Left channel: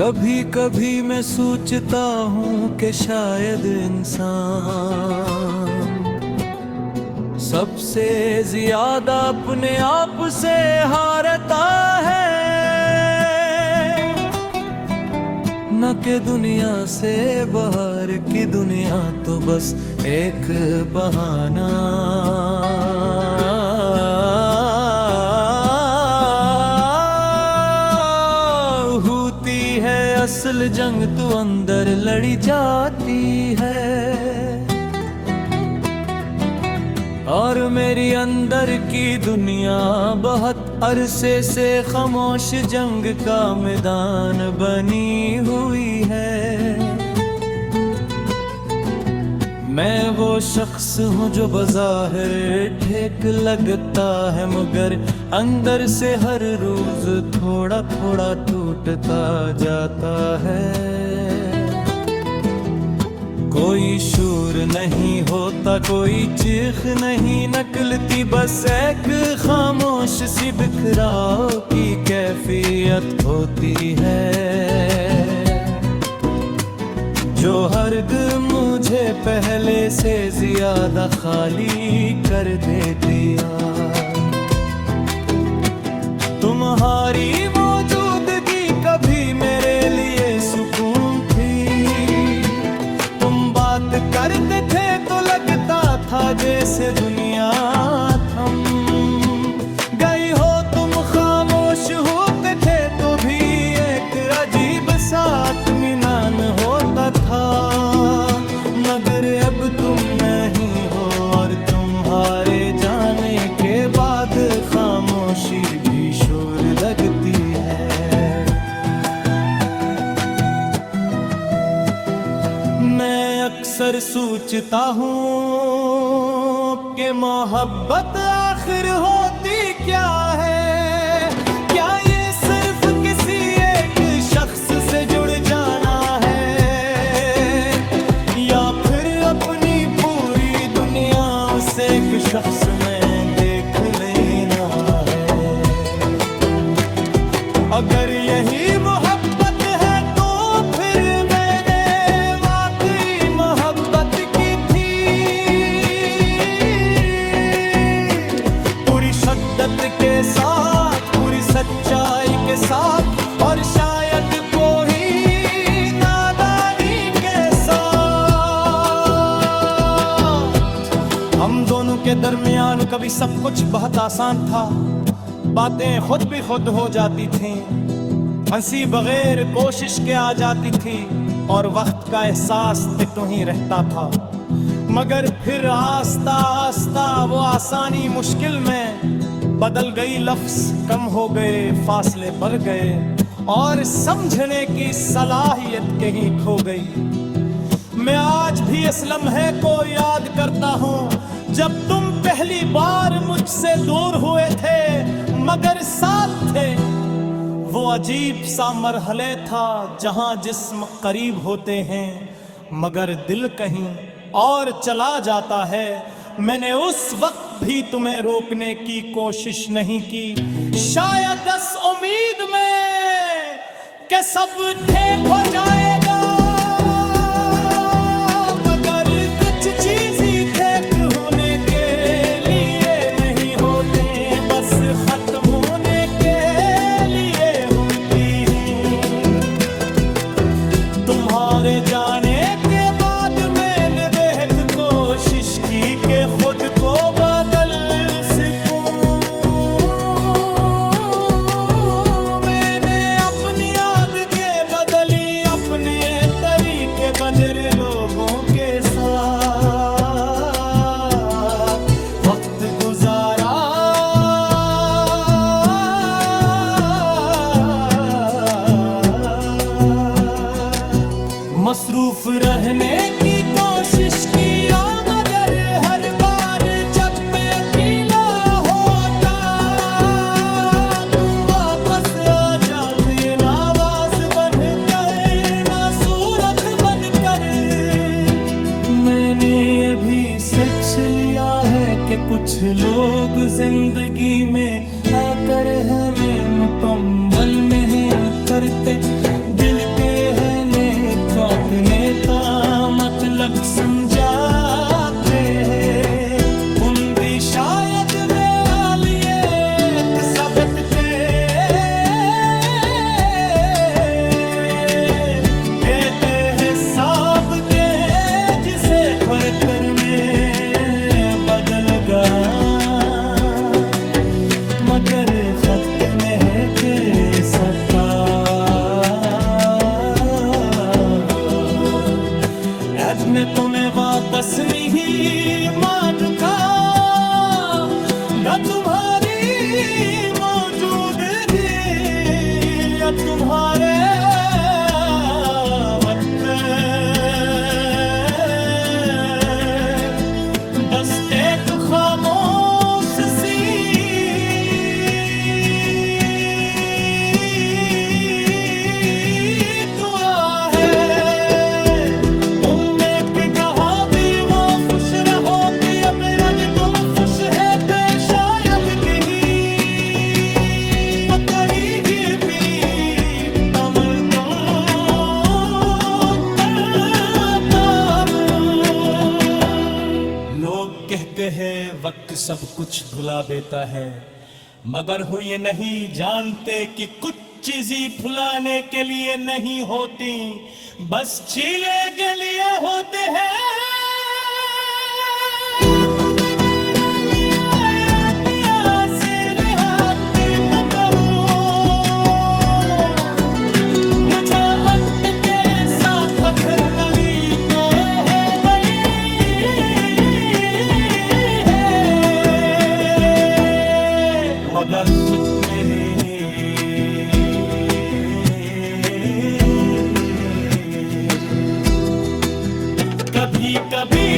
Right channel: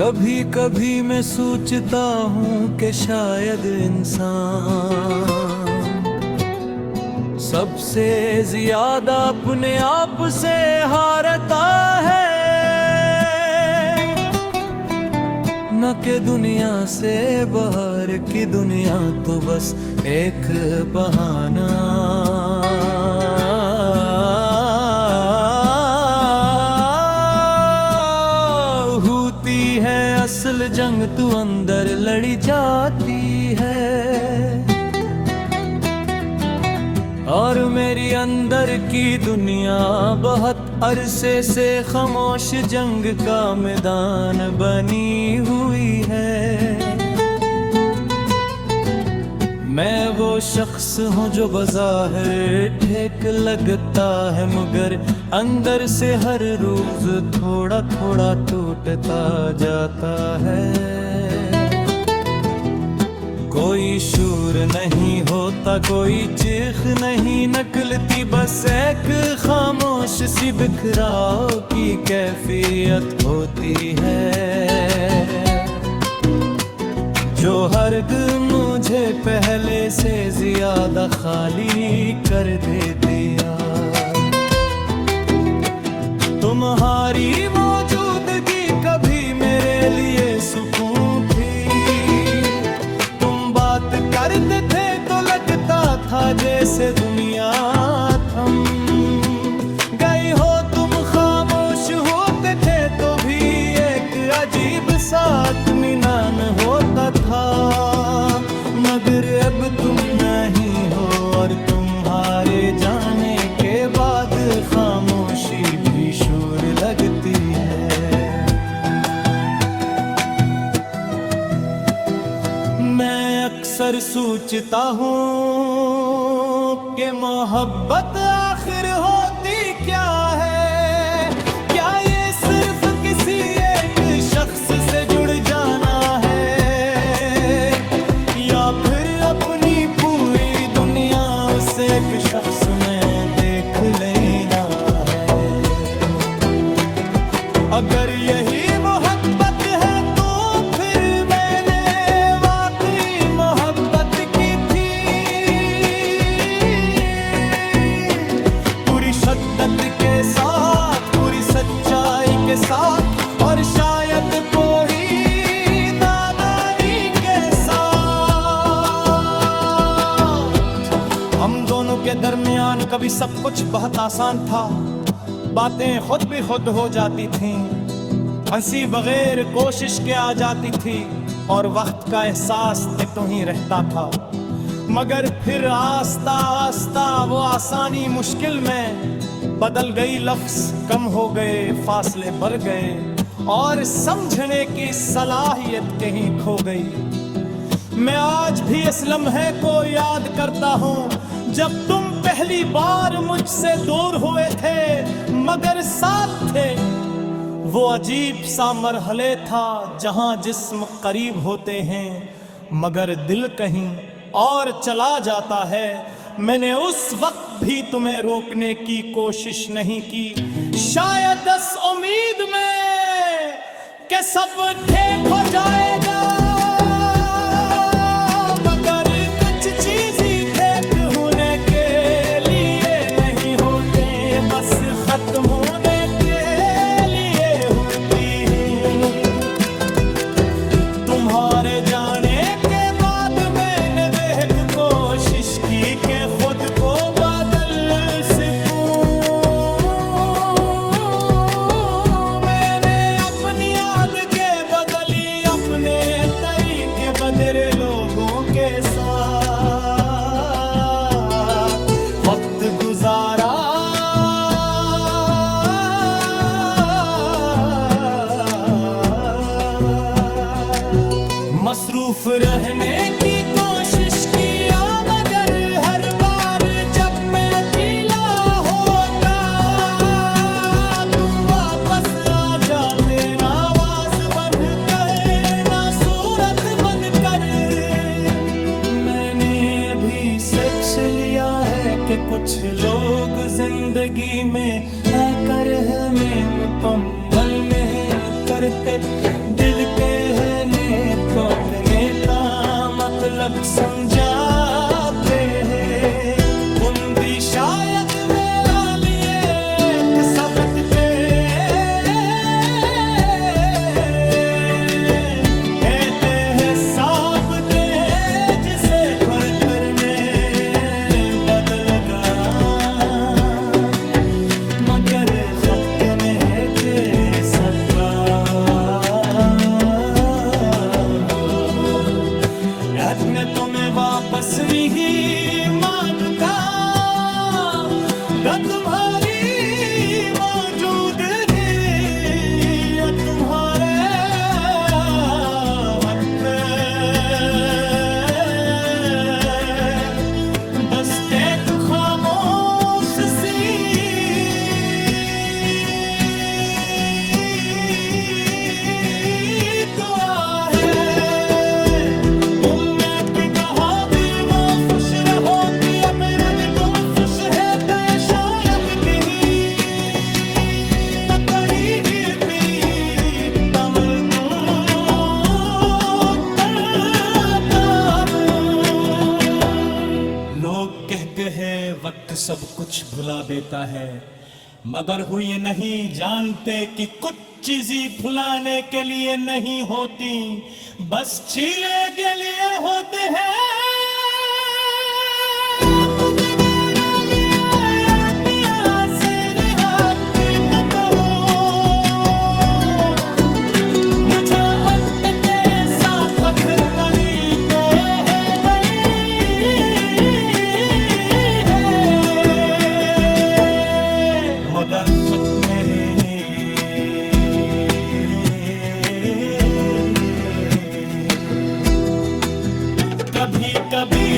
कभी कभी मैं सोचता हूँ कि शायद इंसान सबसे ज्यादा अपने आप से हारता है। न कि दुनिया से बाहर की दुनिया तो बस एक बहाना। होती है असल जंग तू अंदर लड़ी जाती है, और मेरी अंदर की दुनिया बहुत अरसे से खामोश जंग का मैदान बनी हुई है। मैं वो शख्स हूँ जो बाज़ाहिर ठीक लगता है, मगर अंदर से हर रोज थोड़ा थोड़ा टूटता जाता है। कोई शूर नहीं होता, कोई चीख नहीं निकलती, बस एक खामोश सी बिखराव की कैफियत होती है, जो हर दिल मुझे पहले से ज्यादा खाली कर देती है। तुम्हारी मौजूदगी कभी मेरे लिए सुकून थी, बात करते थे तो लगता था जैसे दुनिया थम गई हो। तुम खामोश होते थे तो भी एक अजीब सा इत्मीनान होता था, मगर अब तुम नहीं हो और तुम्हारे जाने के बाद खामोशी भी शोर लगती है। मैं अक्सर सोचता हूँ कि मोहब्बत आखिर होती क्या है। क्या ये सिर्फ किसी एक शख्स से जुड़ जाना है, या फिर अपनी पूरी दुनिया उस एक शख्स में देख लेना है। अगर यही मोहब्बत है तो फिर शिद्दत के साथ, पूरी सच्चाई के साथ, और शायद कोई नादानी के साथ। हम दोनों के दरमियान कभी सब कुछ बहुत आसान था, बातें खुद भी खुद हो जाती थीं, हंसी बगैर कोशिश के आ जाती थी, और वक्त का एहसास तो ही रहता था। मगर फिर आस्ता आस्ता वो आसानी मुश्किल में बदल गई, लफ्ज कम हो गए, फासले बढ़ गए, और समझने की सलाहियत कहीं खो गई। मैं आज भी इस लम्हे को याद करता हूँ जब तुम पहली बार मुझसे दूर हुए थे मगर साथ थे। वो अजीब सा मरहले था जहाँ जिस्म करीब होते हैं मगर दिल कहीं और चला जाता है। मैंने उस वक्त भी तुम्हें रोकने की कोशिश नहीं की, शायद इस उम्मीद में कि सब ठीक हो जाएगा, मगर कुछ चीज़ें ठीक होने के लिए नहीं होते, बस खत्म होने के लिए होती हैं। तुम्हारे जाने के बाद मैंने बेहद कोशिश की कि खुद को बदल सकूं। मैंने अपनी आदतें बदली, अपने तरीके बदले लोगों के साथ, वक्त गुजारा मसरूफ रहने की कोशिश किया, मगर हर बार जब मैं अकेला होता तुम वापस आ जाते, ना आवाज बन कर ना सूरत बन कर। मैंने अभी सच लिया है कि कुछ लोग जिंदगी में आकर हमें मुकम्मल नहीं करते, दिल को अपने मतलब समझाते हैं। तुम भी शायद मेरा लिए एक सबक के देते हैं साब के, जिसे खरतर में बदल गया, मगर खत में के सका। याद में तुम्हें वापस में ही मांगता गा तुम्हारी मौजूदगी, अब तुम्हारे खत बस एक खामोश सी लोग कह गए वक्त सब कुछ भुला देता है, मगर हो ये नहीं जानते कि कुछ चीजें भुलाने के लिए नहीं होती, बस छीले के लिए होते हैं। मगर खुद नहीं कभी कभी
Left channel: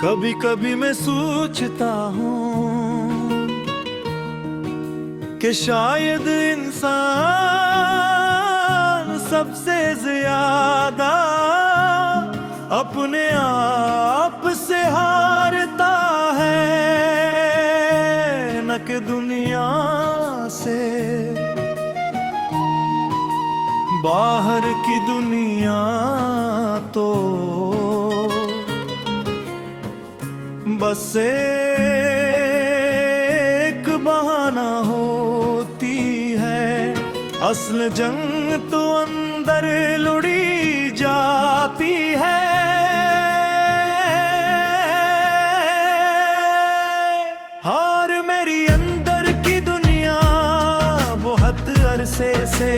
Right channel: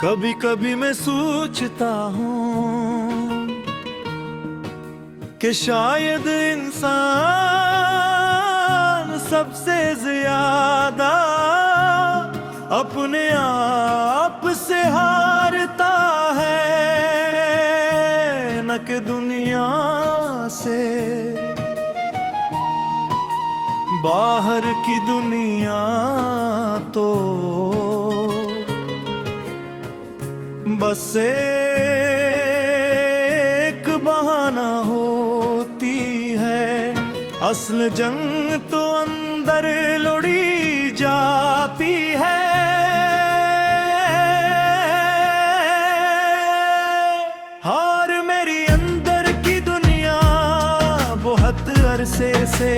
कभी कभी मैं सोचता हूँ कि शायद इंसान सबसे ज्यादा अपने आप से हारता है, न कि दुनिया से। बाहर की दुनिया तो बस एक बहाना होती है, असल जंग तो अंदर लुढ़ी जाती है। हार मेरी अंदर की दुनिया बहुत अरसे से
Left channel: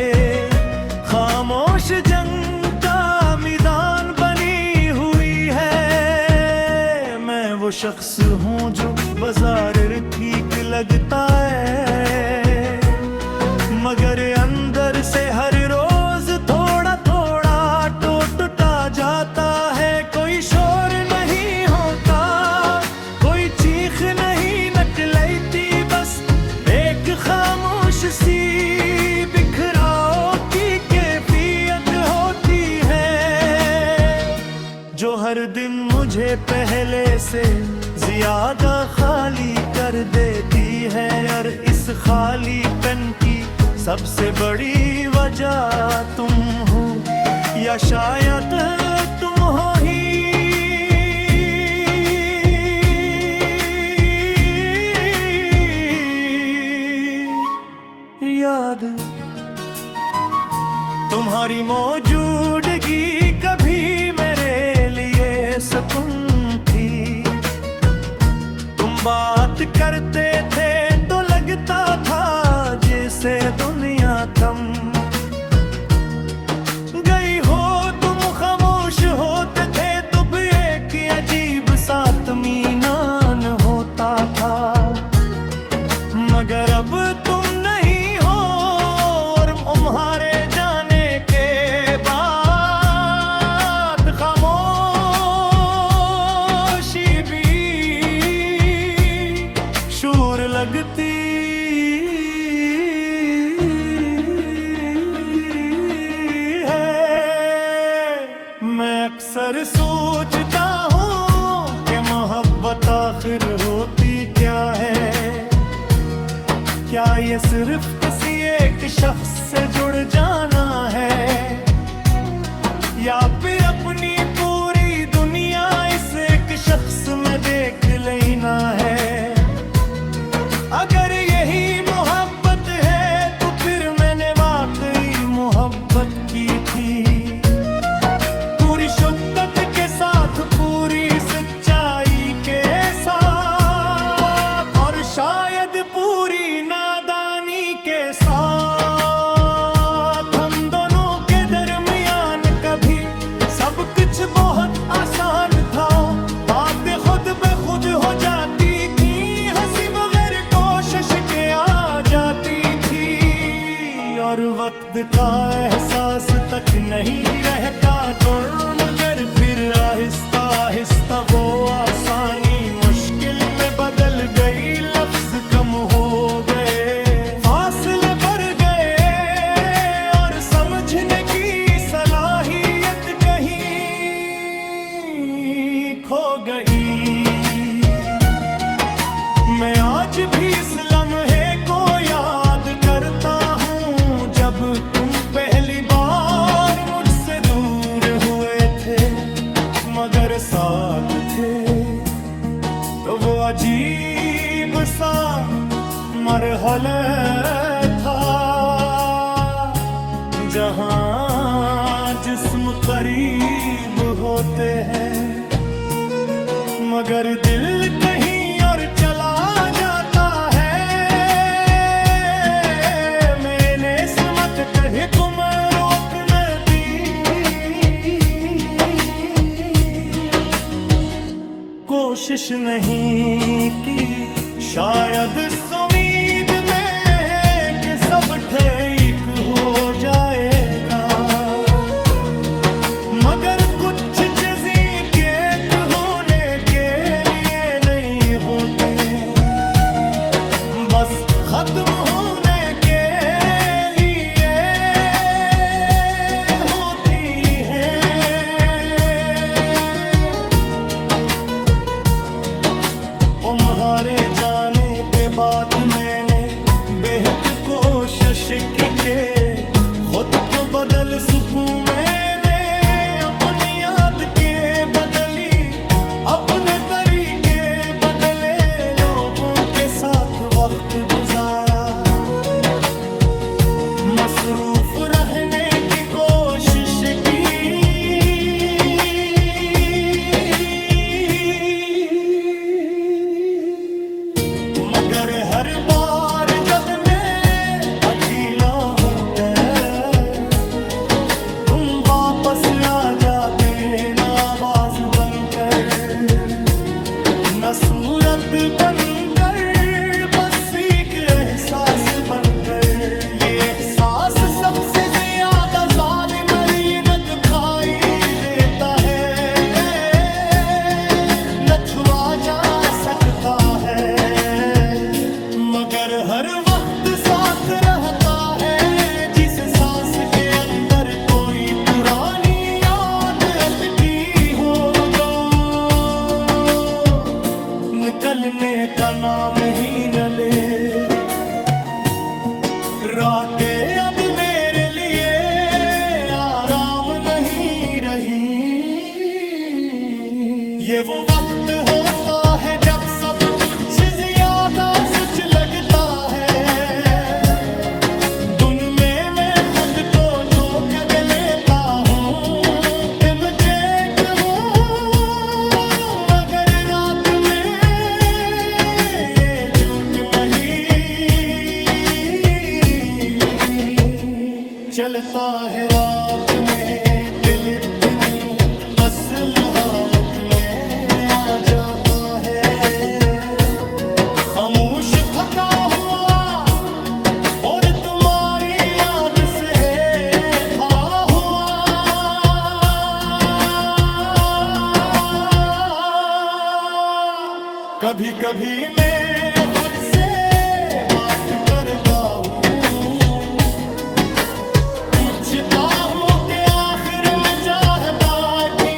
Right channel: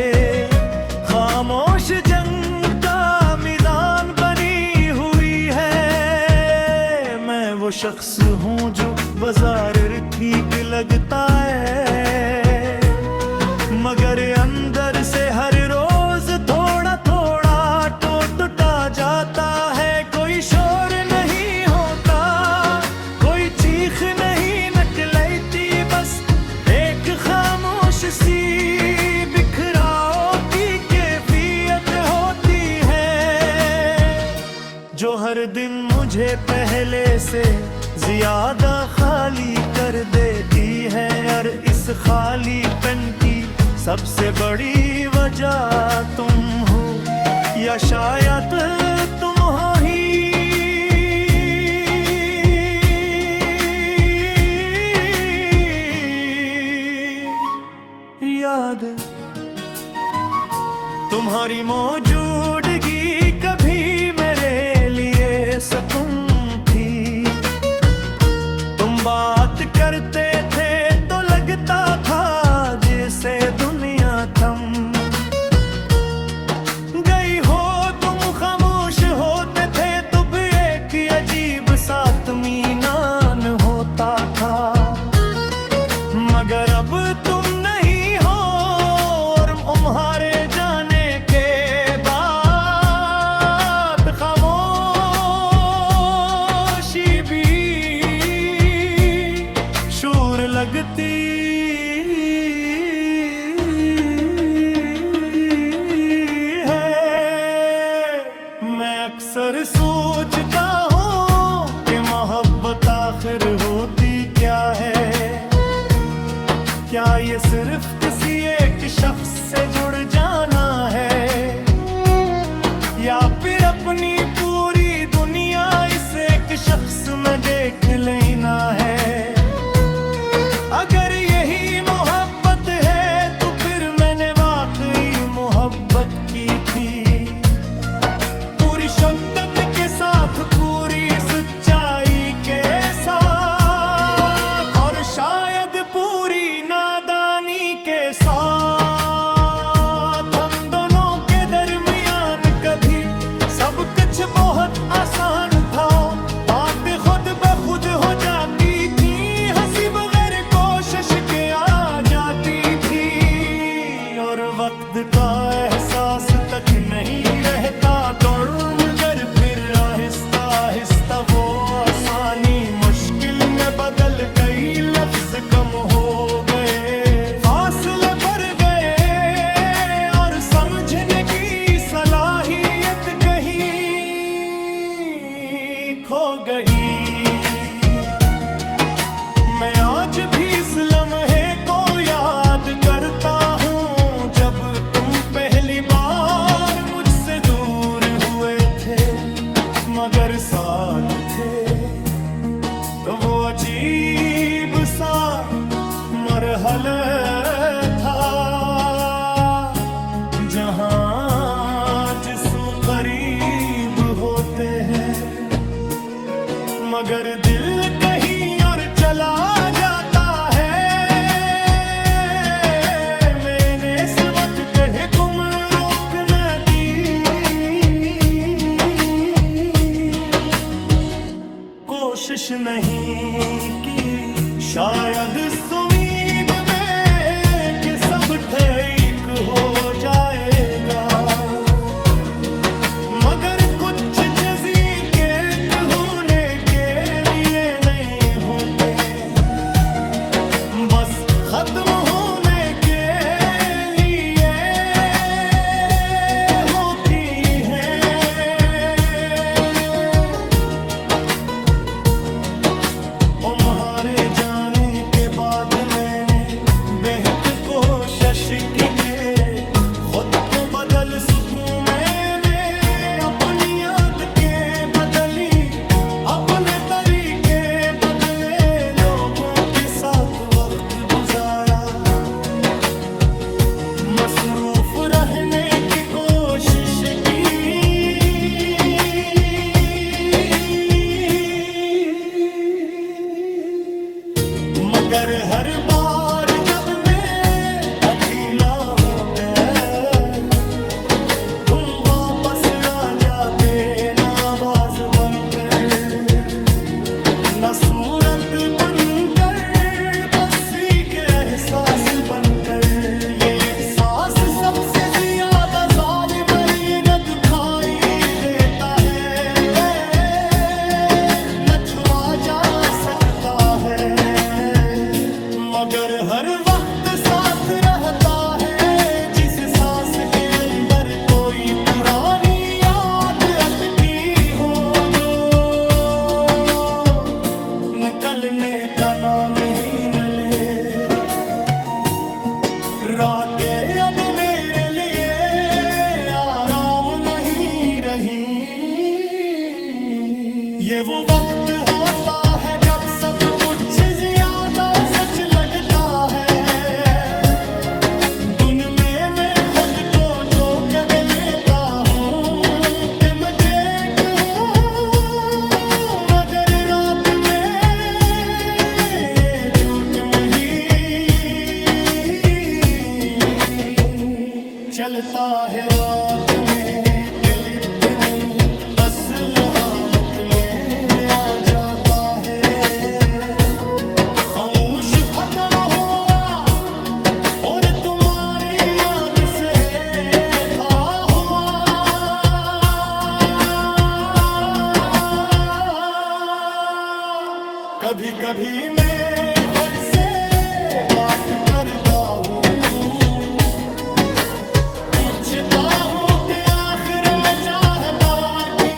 खामोश जंग का मैदान बनी हुई है। मैं वो शख्स हूँ जो बाजार ठीक लगता है, मगर अंदर से हर रोज थोड़ा थोड़ा टूटता जाता है। कोई शोर नहीं होता, कोई चीख नहीं निकलती, बस एक खामोश सी बिखराव की कैफियत होती है, जो हर दिन मुझे पहले से ज्यादा खाली कर देती है। और इस खालीपन की सबसे बड़ी वजह तुम हो, या शायद तुम हो ही। याद तुम्हारी मौजूदगी कभी मेरे लिए सुकून थी। तुम बात करते थे तो लगता था जैसे दुनिया थम गई हो। तुम खामोश होते थे तो भी एक अजीब सा इत्मीनान होता था। मगर अब तुम नहीं हो और तुम्हारे जाने के बाद खामोशी भी शूर लगती है। मैं अक्सर सोचता हूँ कि मोहब्बत आखिर होती क्या है। क्या ये सिर्फ किसी एक शख्स से जुड़ जाना है, या फिर अपनी पूरी दुनिया इस एक शख्स में देख लेना है। अगर यही मोहब्बत है तो फिर मैंने वाकई मोहब्बत की थी, पूरी शिद्दत के साथ, पूरी सच्चाई के साथ, और शायद पूरी नादानी के साथ। हम दोनों के दरमियान कभी सब कुछ बहुत आसान था। बातें खुद ब खुद हो जाती थी, हंसी बगैर कोशिश के आ जाती थी, और वक्त का एहसास तक नहीं रहता। तो मगर फिर आहिस्ता आहिस्ता वो आसानी मुश्किल में बदल गई। लफ्ज कम हो गए, फासले बढ़ गए, और समझने की सलाहियत कहीं खो गई। मैं आज भी इस लम्हे को याद करता हूँ जब तुम पहली बार मुझसे दूर हुए थे, मगर साथ थे। तो वो अजीब सा मरहला था जहां जिस्म करीब होते हैं, मगर दिल कहीं और चला जाता है। मैंने इसमत कहे तुम रोक न दी, कोशिश नहीं की शायद इस उम्मीद में कि सब ठीक हो जाएगा, मगर कुछ चीजें के होने के लिए नहीं होते, बस खत्म होने के लिए होती हैं। तुम्हारे जाने के बाद मैंने बेहद कोशिश की के खुद को बदल सकूं। मैंने अपनी याद के बदली, अपने तरीके बदले, लोगों के साथ वक्त गुजारा, मसरूफ रहने की कोशिश की, मगर हर बार जब मैं अकेला होकर तुम वापस आ जाते, ना आवाज बनकर, न सूरत बनकर, बस एक एहसास बनकर। ये एहसास सबसे ज्यादा जालिम और ये न दुखाई देता है, न छुआ जा सकता है, मगर हर वक्त साथ रहता है। जिस सांस के अंदर कोई पुरानी याद अटकी हो, जो निकलने का नाम ही न ले। रातें अब मेरे लिए आराम नहीं रही। ये वो वक्त होता है जब सब कुछ ज्यादा सच लगता है। दिन में मैं खुद को धोखे चलता है रात में दिल अपनी असल हालत में आ जाता है। खामोश थका हुआ और तुम्हारी याद से खड़ा हुआ। कभी कभी मैं खुद से बात करता हूँ, पूछता हूँ कि आखिर में चाहता कि